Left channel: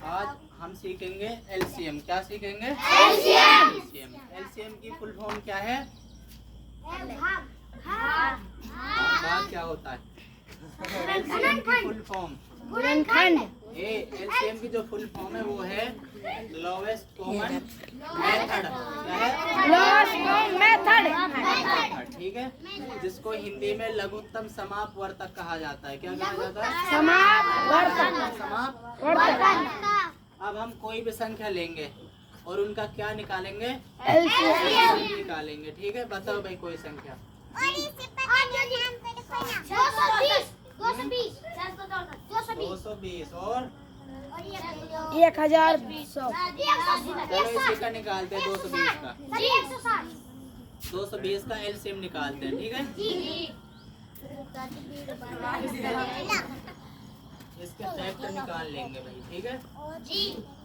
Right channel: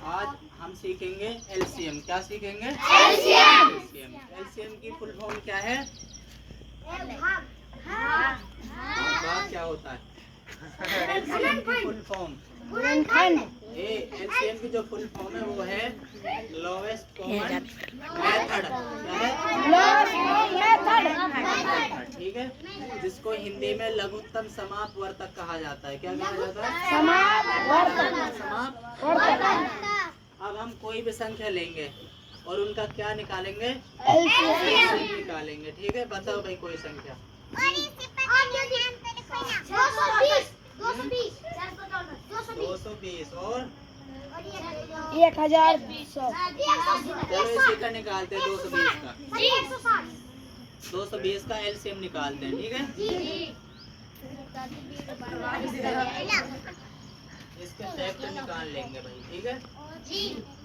आज हम सीखेंगे एलसीएम। क्या सीखेंगे? एलसीएम की फुल फॉर्म क्या है? भाग क्या होता है? एलसीएम की फुल फॉर्म एलसीएम की जो फुल फॉर्म है वो है लोवेस्ट कॉमन मेथड। ठीक है, जिसको हिंदी में लघुत्तम समापवर्तक कहा जाता है। क्या कहा जाता है? समापवर्तक। अब हम कोई भी संख्या लेंगे और उनका क्या निकालेंगे? एलसीएम निकालेंगे। ठीक है, बताओ भाई कोई संख्या। 220 और 1200। चलो इसी का निकालते हैं 220 का। 220 का एलसीएम निकालते हैं। ठीक है, इसके फैक्टर निकाल लेंगे भाई। ठीक है,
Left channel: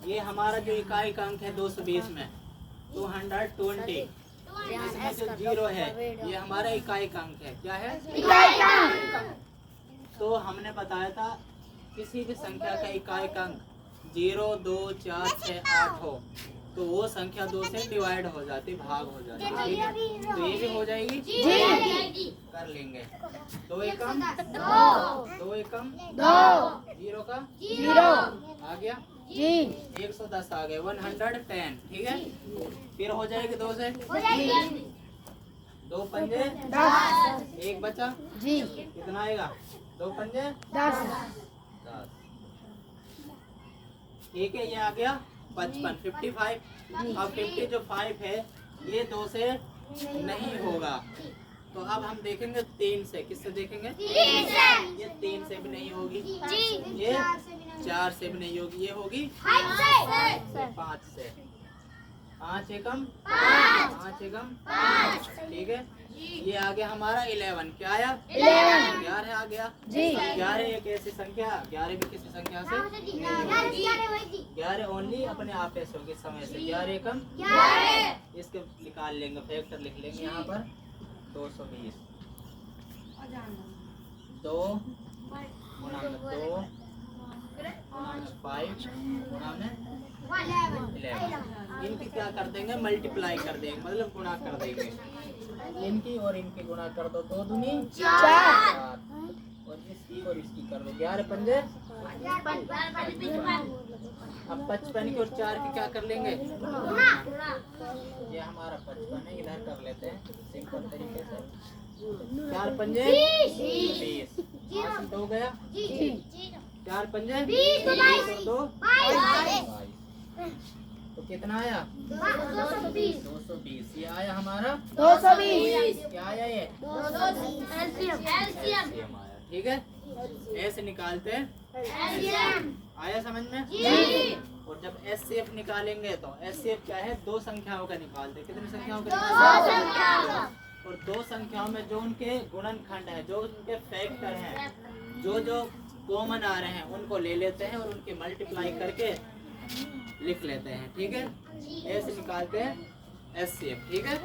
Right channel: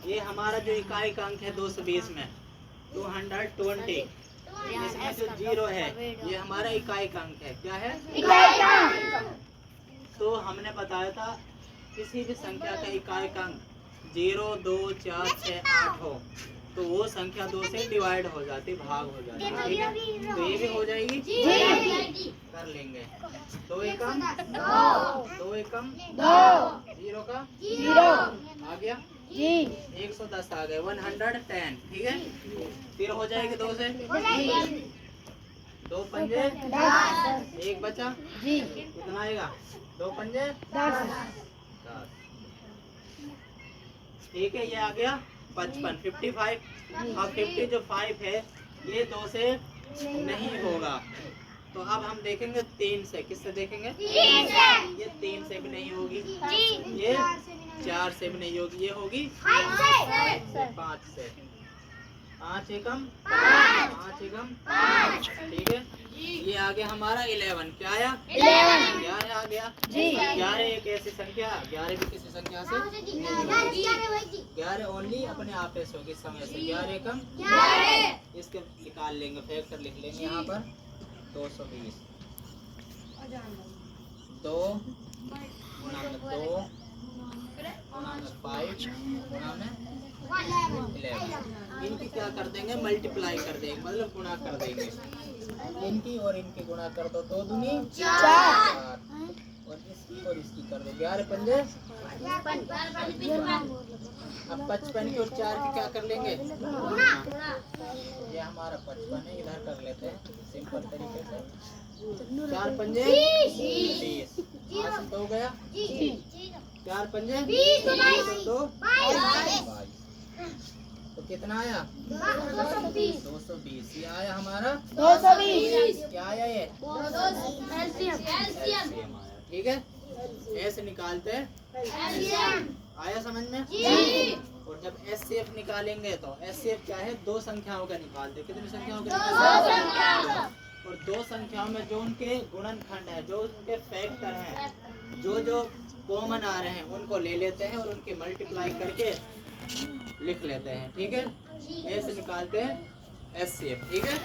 ये हमारा जो इकाई अंक है 220 में 220, इसमें जो 0 है ये हमारा इकाई अंक है। क्या है? तो हमने बताया था किसी भी संख्या का इकाई अंक 0, 2, 4, 6, 8 हो तो वो संख्या 2 से डिवाइड हो जाती, भाग हो जाती। ठीक है, तो ये भी हो जाएगी। कर लेंगे। 2 एकम 2 एकम 0 का 0 आ गया। 110 आ गए, 110। ठीक है, फिर हो जाएगी 2 से 2 पंजे 10, 1 बचा। कितना आएगा? 2 पंजे 10। ठीक है, ये आ गया 55, 55। और 50 जो 5 है ये 2 से नहीं होगा, तो अब हम देखेंगे 3 से। किससे देखेंगे? ये 3 से भी नहीं होगी, ये 4 से भी नहीं होगी, ये होगी 5 से। 5 एकम 5 एकम 5। ठीक है, ये आ गया हमारा 11। क्या आया? 11 आ गया। 11 एक ऐसी संख्या, 11 भी किसी संख्या से 11 ओनली अपने आप ऐसे होगी समय से। 11 एकम 11। इसके निकाल लेंगे, फैक्टर लिख लेंगे यहाँ पर। 220 2 गुणा में 2 गुणा में 5 गुणा में 11। इनकी क्या कर देंगे? मल्टीप्लाई कर देंगे, मतलब गुणा कर देंगे। इनकी और इनकी गुणा कर दो, 2 दूनी 4 और इसकी कर दो 11 पंजे 55। अब 55 की और 4 की क्या कर लेंगे? ये हमारा 55 है, इधर कर लेते हैं सिंपल तरीके से। 4 पंजे 20। 2 गया 4 पंजे 20 2 22। तो कितना आया? 220। ये आया हमारा 220। क्या आया? ये एलसीएम आया। ठीक है, ऐसे निकालते हैं। आया समझ में? और जब एचसीएफ निकालेंगे तो एचसीएफ क्या है? 2 संख्याओं का निकालते। कितनी संख्याओं का निकालते? और 2 संख्याओं में जो उनके गुणनखंड है, जो उनके फैक्टर हैं, जो कॉमन आ रहे हैं उनको ले लेते हैं और उनकी मल्टीप्लाई करके लिख लेते हैं। ठीक है, ऐसे निकालते हैं एचसीएफ। ठीक है।